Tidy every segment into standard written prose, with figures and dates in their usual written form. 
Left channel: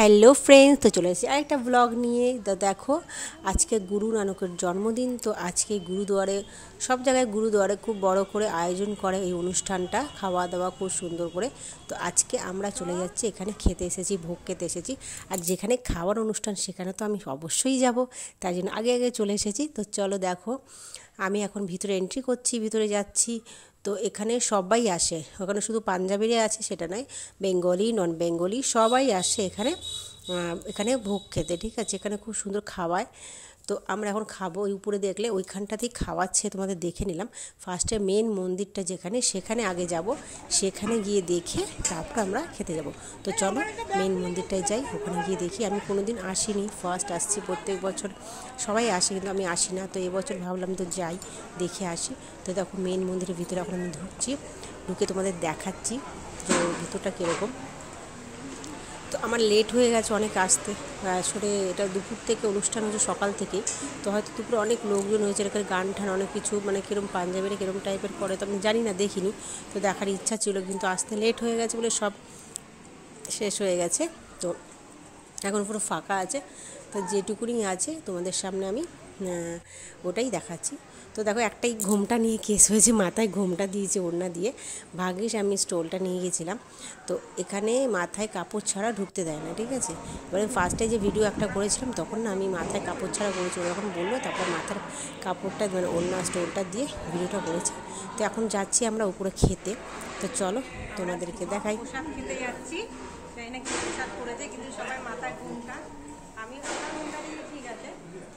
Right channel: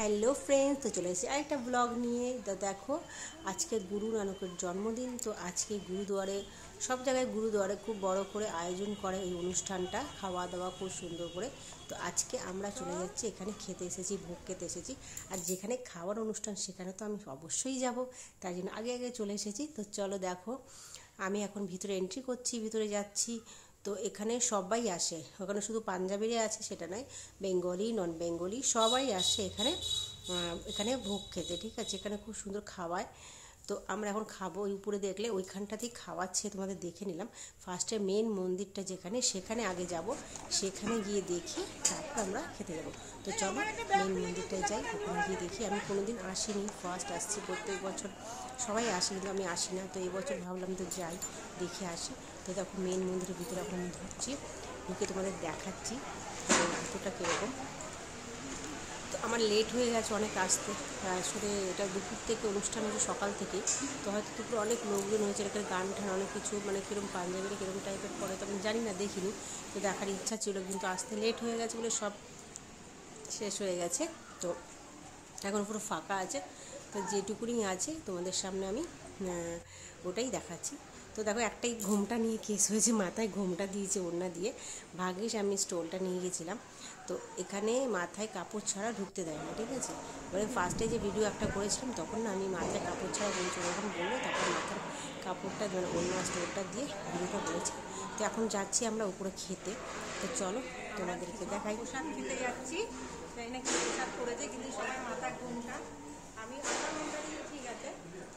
Hello friends, তো চলে এসেছি আরেকটা ব্লগ নিয়ে। তো দেখো, আজকে গুরু নানকের জন্মদিন। তো আজকে গুরুদুয়ারে, সব জায়গায় গুরুদুয়ারে খুব বড় করে আয়োজন করে এই অনুষ্ঠানটা, খাওয়া দাওয়া খুব সুন্দর করে। তো আজকে আমরা চলে যাচ্ছি, এখানে খেতে এসেছি, ভোগ খেতে এসেছি। আর যেখানে খাওয়ার অনুষ্ঠান সেখানে তো আমি অবশ্যই যাব, তাই জন্য আগে আগে চলে এসেছি। তো চলো দেখো, আমি এখন ভিতরে এন্ট্রি করছি, ভিতরে যাচ্ছি। তো এখানে সবাই আসে, ওখানে শুধু পাঞ্জাবিরা আছে সেটা নয়, বেঙ্গলি নন বেঙ্গলি সবাই আসে এখানে এখানে ভোগ খেতে। ঠিক আছে, এখানে খুব সুন্দর খাওয়ায়। তো আমরা এখন খাবো। ওই উপরে দেখলে ওইখানটাতেই খাওয়াচ্ছে, তোমাদের দেখে নিলাম। ফার্স্টে মেন মন্দিরটা যেখানে, সেখানে আগে যাব, সেখানে গিয়ে দেখে তারপর আমরা খেতে যাব। তো চলো মেন মন্দিরটায় যাই, ওখানে গিয়ে দেখি। আমি কোনো দিন আসিনি, ফার্স্ট আসছি। প্রত্যেক বছর সবাই আসে কিন্তু আমি আসি না, তো এবছর ভাবলাম তো যাই, দেখে আসি। তো দেখো মেন মন্দিরের ভিতরে এখন আমি ঢুকছি, ঢুকে তোমাদের দেখাচ্ছি যে ভিতরটা কীরকম। তো আমার লেট হয়ে গেছে অনেক আসতে, আসলে এটা দুপুর থেকে অনুষ্ঠান হচ্ছে, সকাল থেকে। তো হয়তো দুপুরে অনেক লোকজন হয়েছে, এখানে গান ঠান অনেক কিছু, মানে কীরকম পাঞ্জাবিরা কীরকম টাইপের করে তো আমি জানি না, দেখিনি। তো দেখার ইচ্ছা ছিল কিন্তু আসতে লেট হয়ে গেছে বলে সব শেষ হয়ে গেছে। তো এখন পুরো ফাঁকা আছে। তো যেটুকুনি আছে তোমাদের সামনে আমি ওটাই দেখাচ্ছি। তো দেখো, একটাই ঘোমটা নিয়ে কেস হয়েছে, মাথায় ঘোমটা দিয়েছে ওড়না দিয়ে। ভাগ্যিস আমি স্টোলটা নিয়ে গেছিলাম। তো এখানে মাথায় কাপড় ছাড়া ঢুকতে দেয় না, ঠিক আছে। এবার ফার্স্টে যে ভিডিও একটা করেছিলাম তখন না আমি মাথায় কাপড় ছাড়া করেছি, ওরকম বললো, তারপর মাথার কাপড়টা মানে ওড়না স্টোলটা দিয়ে ভিডিওটা করেছি। তো এখন যাচ্ছি আমরা উপরে খেতে। তো চলো তোমাদেরকে দেখাই। খেতে যাচ্ছি, জানি না কি প্রসাদ করেছে, কিন্তু সবাই মাথায় ঘুমটা, আমার ঘুমটা দিয়ে ঠিক আছে,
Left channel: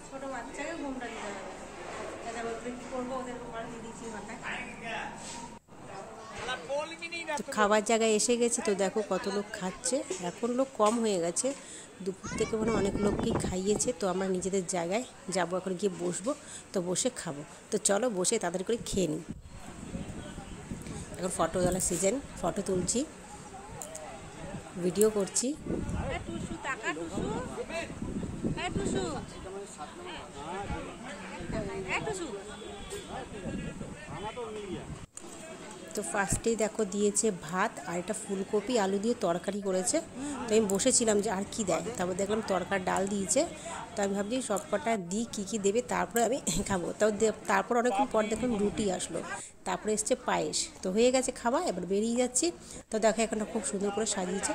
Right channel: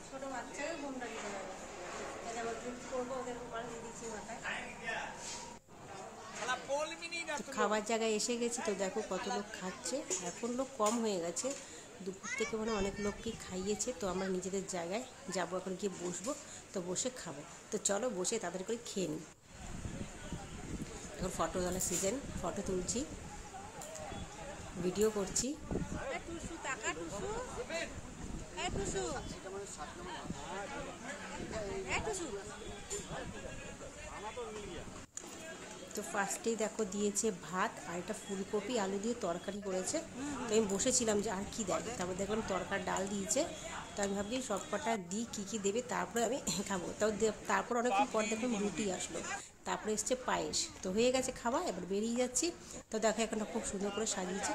ছোটো বাচ্চাকে ঘুমটা দিতে হবে। কী করবো, ওদের রুমাল দিয়ে দিচ্ছি মাথায়। খাবার জায়গায় এসে গেছে। তো দেখো কত লোক খাচ্ছে, এখন লোক কম হয়ে গেছে, দুপুর থেকে মানে অনেক লোককেই খাইয়েছে। তো আমরা নিজেদের জায়গায় যাবো, এখন গিয়ে বসবো, তো বসে খাবো। তো চলো বসে তাদের করে খেয়ে নিই। এখন ফটো তোলার সিজন, ফটো তুলছি, ভিডিও করছি। টুসু টাকা, টুসু টুসু টুসু। তো ফার্স্টেই দেখো দিয়েছে ভাত, আর এটা ফুলকপি আলু দিয়ে তরকারি করেছে। তো আমি বসেছিলাম যে আর কি দেয়, তারপর দেখলাম তরকার ডাল দিয়েছে। তো আমি ভাবছি সব কটা দিই, কী কী দেবে তারপরে আমি খাবো। তারপর অনেকক্ষণ পর দেখলাম রুটি আসলো, তারপরে এসছে পায়েস। তো হয়ে গেছে খাওয়া, এবার বেরিয়ে যাচ্ছি। তো দেখো এখানটা খুব সুন্দর করে সাজিয়েছে।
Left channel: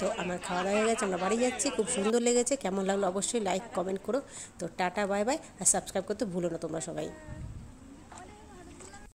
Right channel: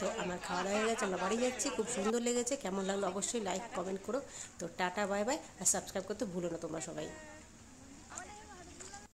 তো আমার খাওয়া দাওয়া হয়ে গেছে, আমরা বাড়ি যাচ্ছি। খুব সুন্দর লেগেছে, কেমন লাগলো অবশ্যই লাইক কমেন্ট করো। তো টাটা বাই বাই, আর সাবস্ক্রাইব করতে ভুলো না তোমরা সবাই।